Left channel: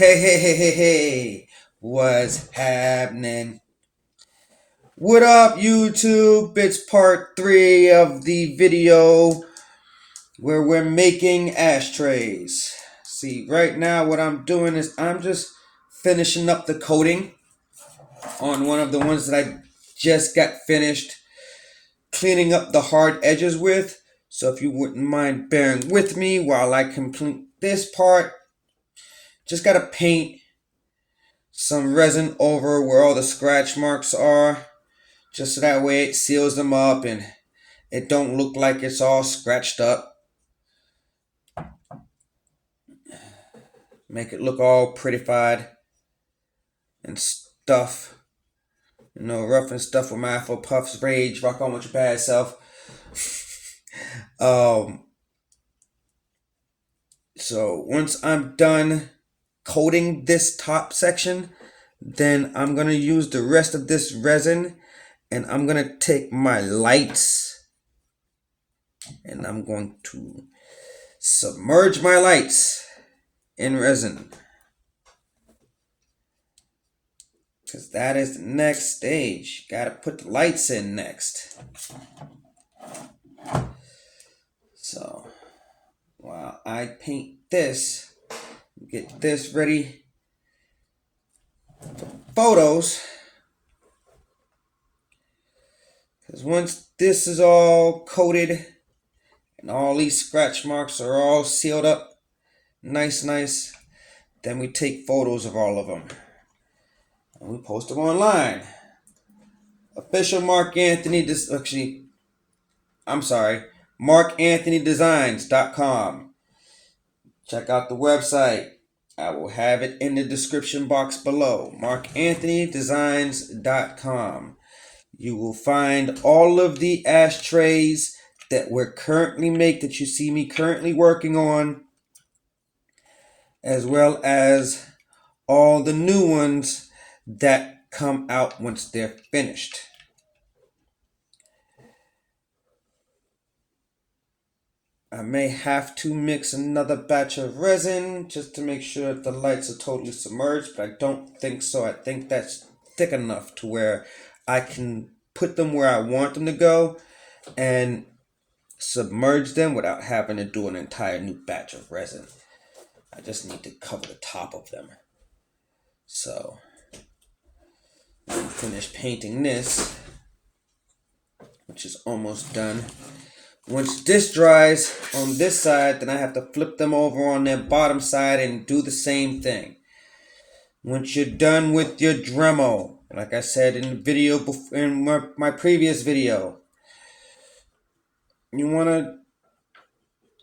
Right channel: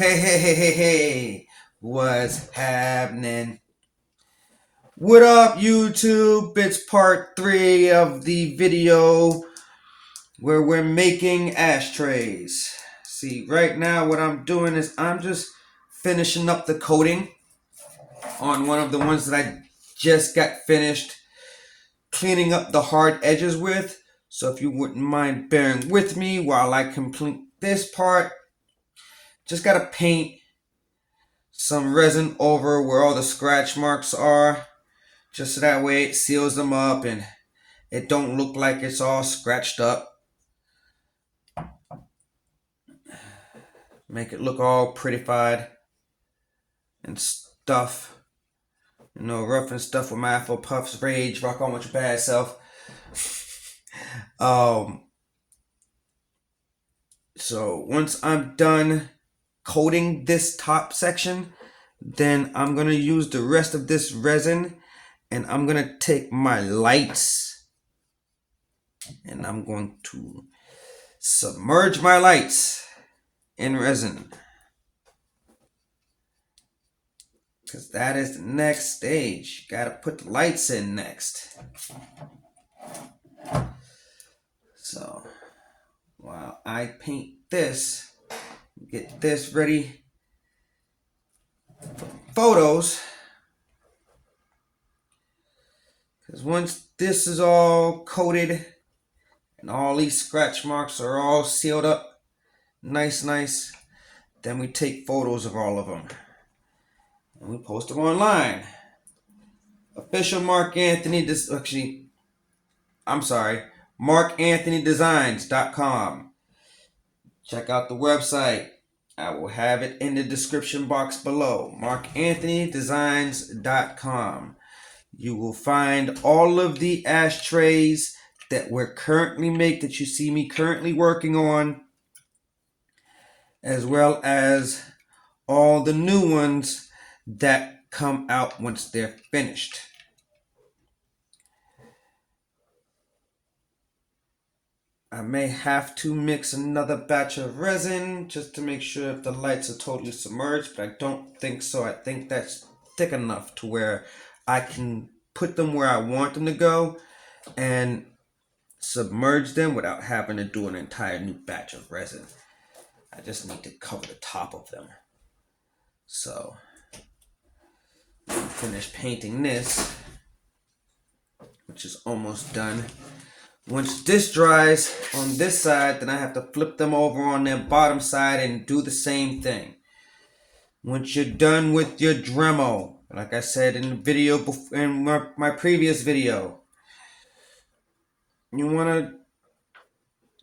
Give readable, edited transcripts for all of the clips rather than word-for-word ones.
Hey, what's happening? What up, YouTube? It's part 3 of the video where we're making ashtrays. See, right now what I'm doing is I'm just finishing up the coating on one of the ones that I just got finished cleaning up the hard edges with. So if you wouldn't mind bearing with me while I complete this part, just gotta paint some resin over where all the scratch marks are, just so that way it seals them up and it don't look like it's all scratched up. Make it look all prettified and stuff. You know, rough and stuff with my Afro Puffs rage. Rock on with your bad self. um so once I'm done coating this top section, then I'm gonna use the rest of this resin and I'm gonna take my lights and I'm going to submerge my lights in resin, because that is the next stage. Gotta put the lights in next. So while I paint this, get this ready for photos, because once this is all coated and all these scratch marks are all sealed up nice, then we take photos of all of them and we post them online. Official Mark Anthony, markanthonydesigns.com. Check out the website. I will have it in the description box below. markanthonydesigns.com. You will find all of the ashtrays that we're currently that you see me currently working on, as well as all the new ones that come out once they're finished. I may have to mix another batch of resin just to make sure that the lights are totally submerged, but I don't think so. I think that's thick enough to where I can put them where I want them to go and submerge them without having to do an entire new batch of resin. I just need to cover the top of them. So, I'm finished painting this, which is almost done. Once this dries on this side, then I have to flip them over on their bottom side and do the same thing. Once you're done with your Dremel, like I said in the video, in my previous video, you want to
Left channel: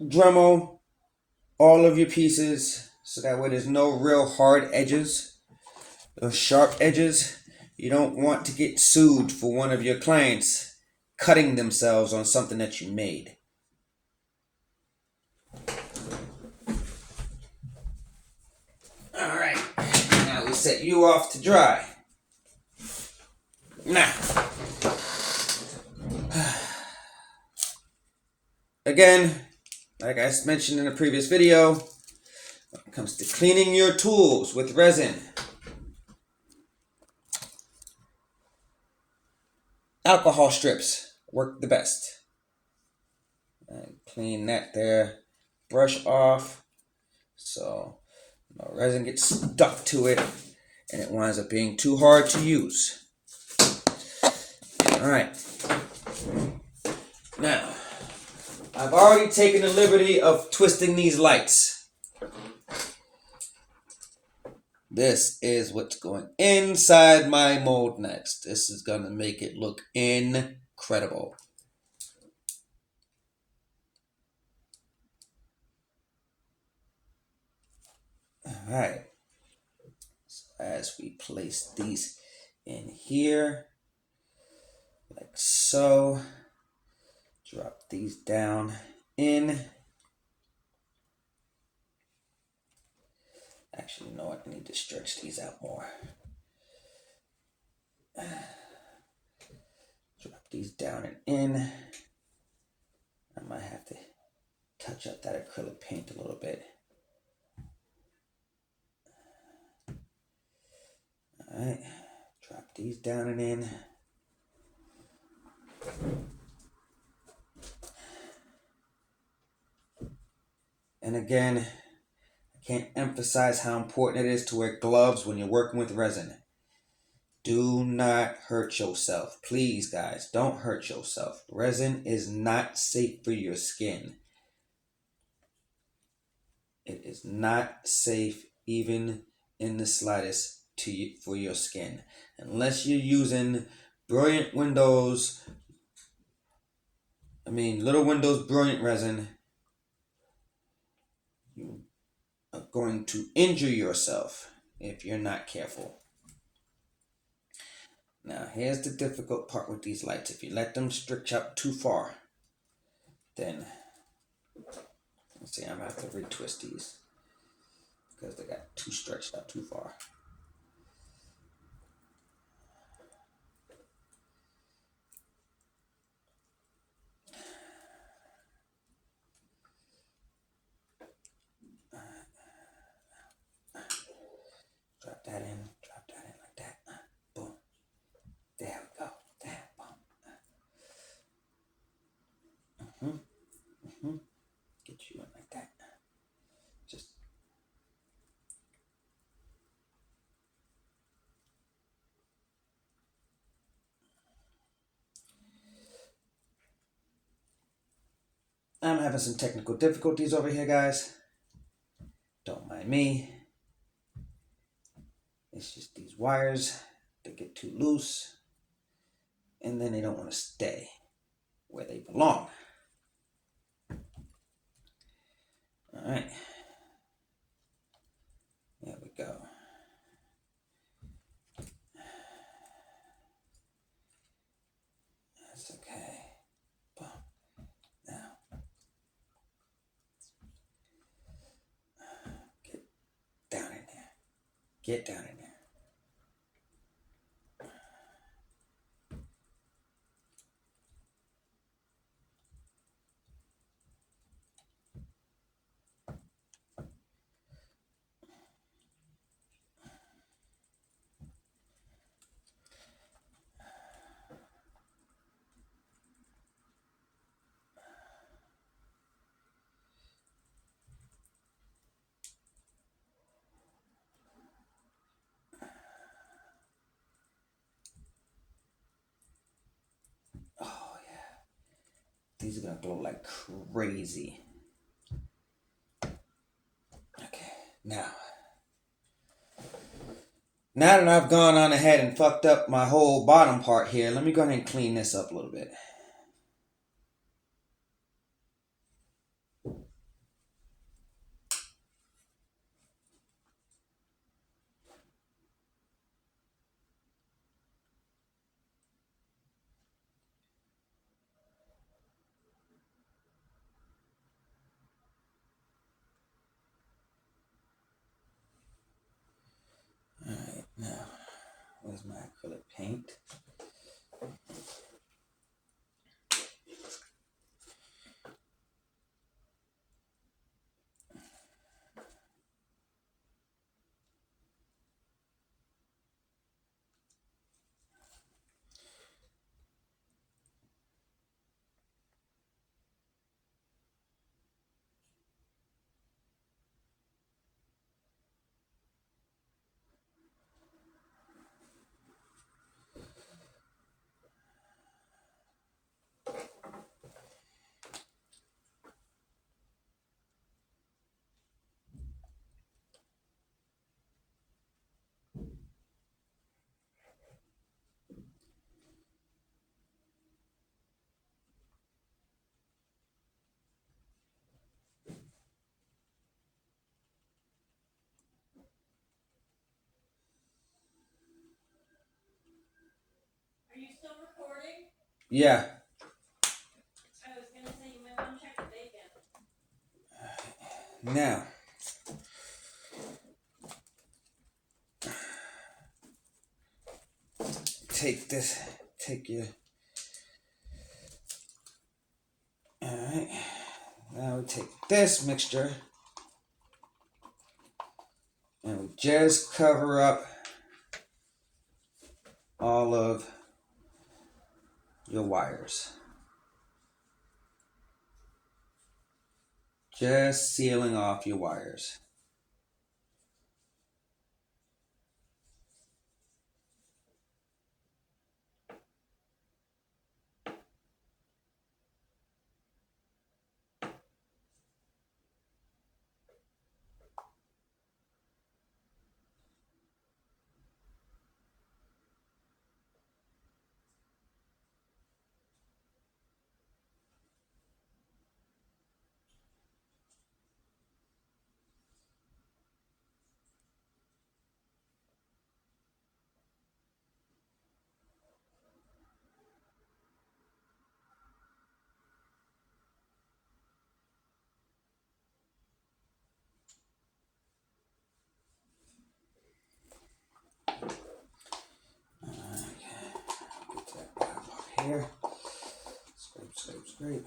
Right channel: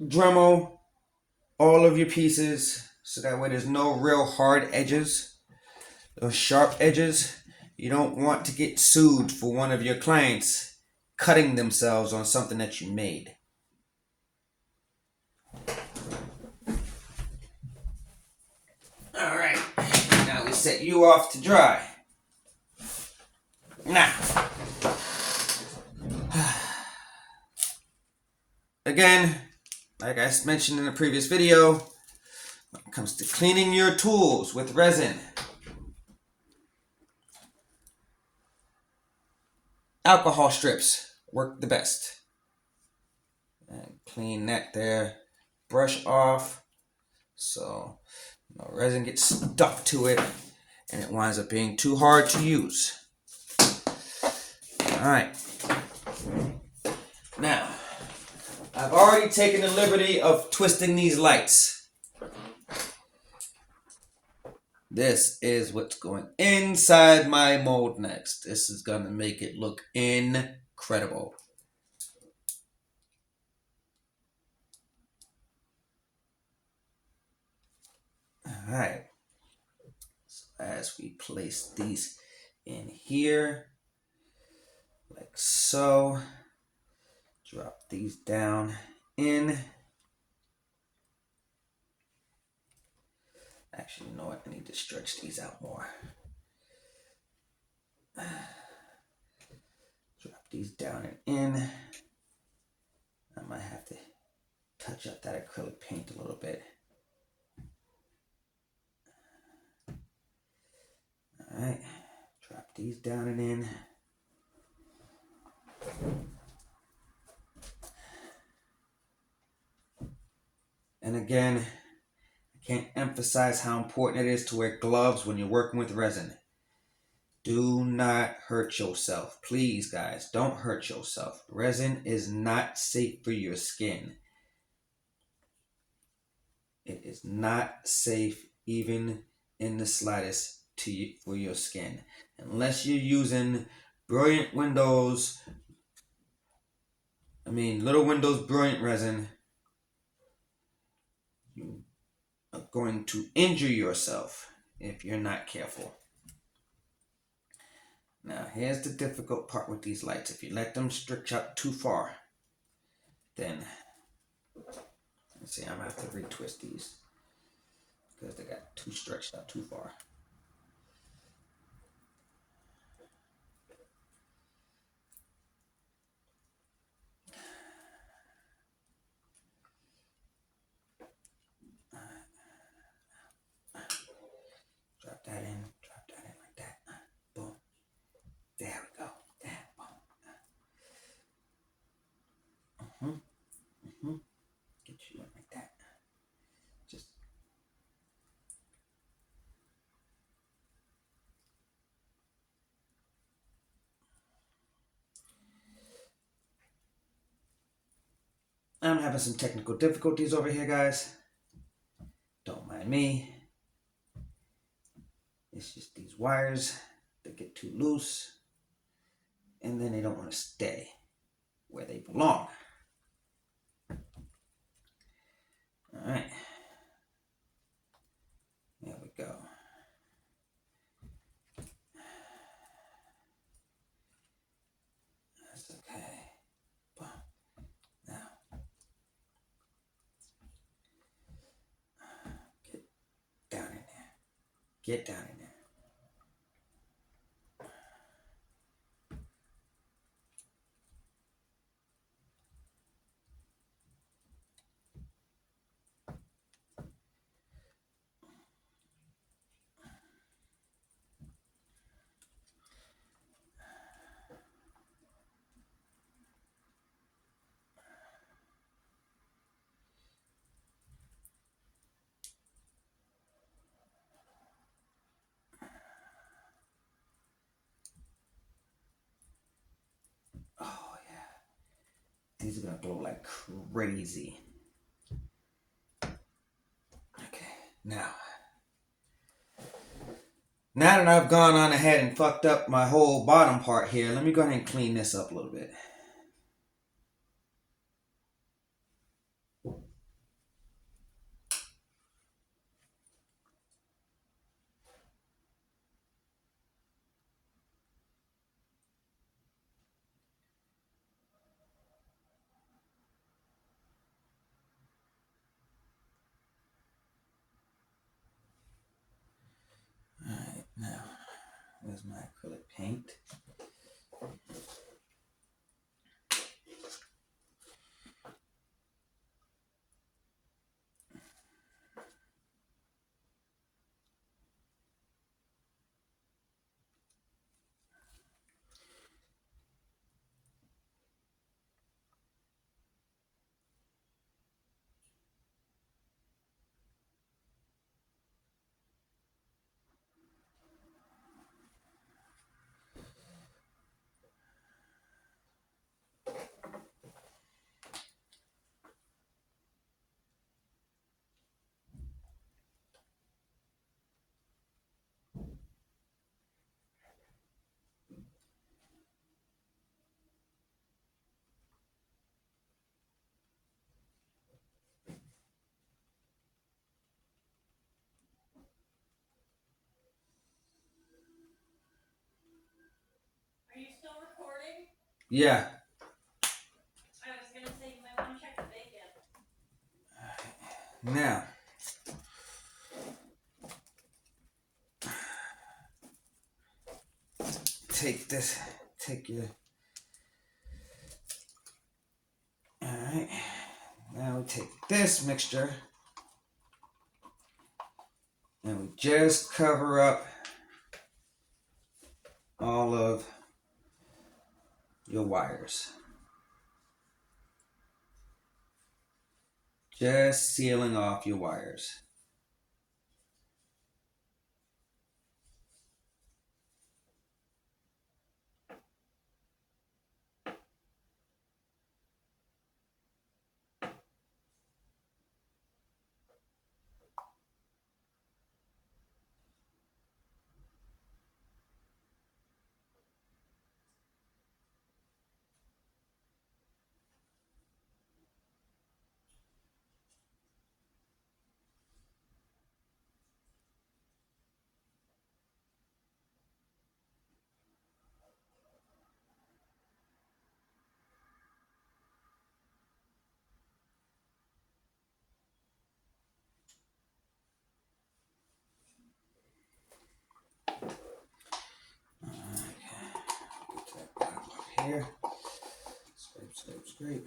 Dremel all of your pieces so that way there's no real hard edges, those sharp edges. You don't want to get sued for one of your clients cutting themselves on something that you made. Alright, now we set you off to dry. Now, again, like I mentioned in the previous video, when it comes to cleaning your tools with resin, alcohol strips work the best. And clean that there, brush off, so no resin gets stuck to it and it winds up being too hard to use. Alright, now I've already taken the liberty of twisting these lights. This is what's going inside my mold next. This is going to make it look incredible. Alright, so as we place these in here, like so, drop these down in. Actually, you know what? I need to stretch these out more. Drop these down and in. I might have to touch up that acrylic paint a little bit. these down and in. And again, I can't emphasize how important it is to wear gloves when you're working with resin. Do not hurt yourself. Please, guys, don't hurt yourself. Resin is not safe for your skin. It is not safe even in the slightest for your skin. Unless you're using Brilliant Windows, Little Windows Brilliant Resin, you are going to injure yourself if you're not careful. Now, here's the difficult part with these lights. If you let them stretch out too far, then, let's see, I'm going to have to retwist these because they got too stretched out too far. Drop that in like that. Boom. There we go. There, boom. Get you in like that. Just I'm having some technical difficulties over here, guys. Don't mind me. It's just these wires, they get too loose, and then they don't want to stay where they belong. All right. There we go. That's okay. Boom. Now, get down in there. Get down in there. Oh, yeah. These are going to glow like crazy. Okay, now that I've gone on ahead and fucked up my whole bottom part here, let me go ahead and clean this up a little bit. Alright, now, where's my acrylic paint? Are you still recording? Yeah. I was gonna say you might want to check the bacon. Now, take your, alright, now we take this mixture and we just cover up all of your wires. Just sealing off your wires. Here. Scrape, scrape, scrape.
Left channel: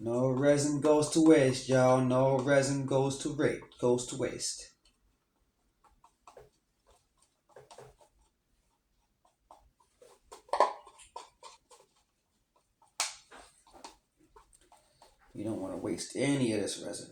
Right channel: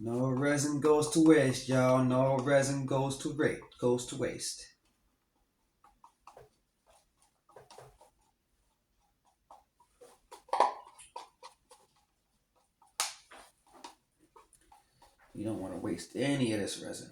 No resin goes to waste, y'all. No resin goes to waste. You don't want to waste any of this resin.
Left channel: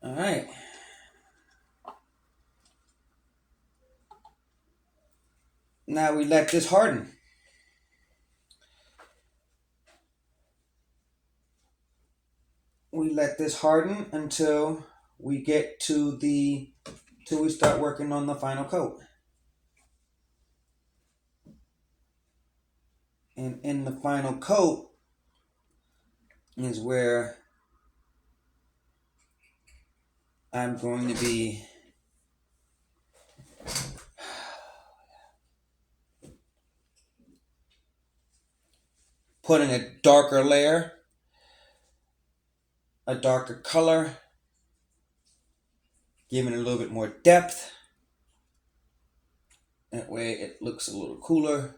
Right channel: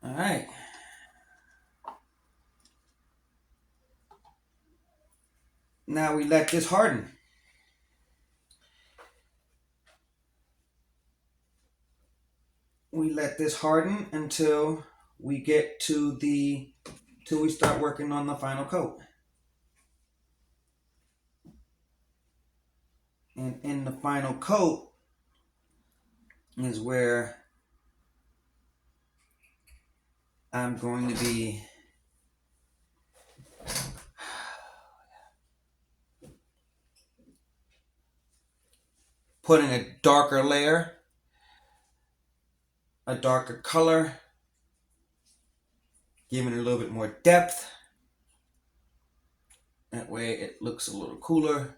All right. Now we let this harden. We let this harden until we get till we start working on the final coat. And in the final coat is where I'm going to be putting a darker layer, a darker color, giving it a little bit more depth. That way it looks a little cooler.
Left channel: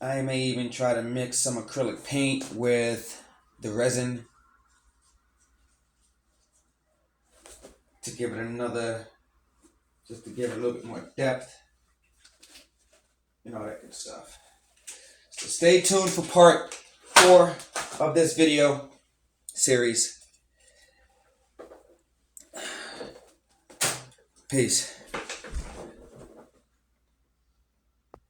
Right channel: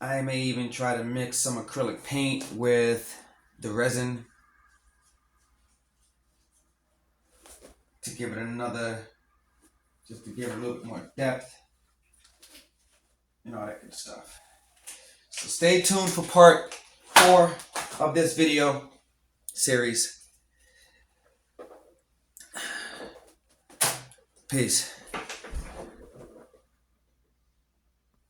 I may even try to mix some acrylic paint with the resin to give it just to give it a little bit more depth and all that good stuff. So stay tuned for part 4 of this video series. Peace.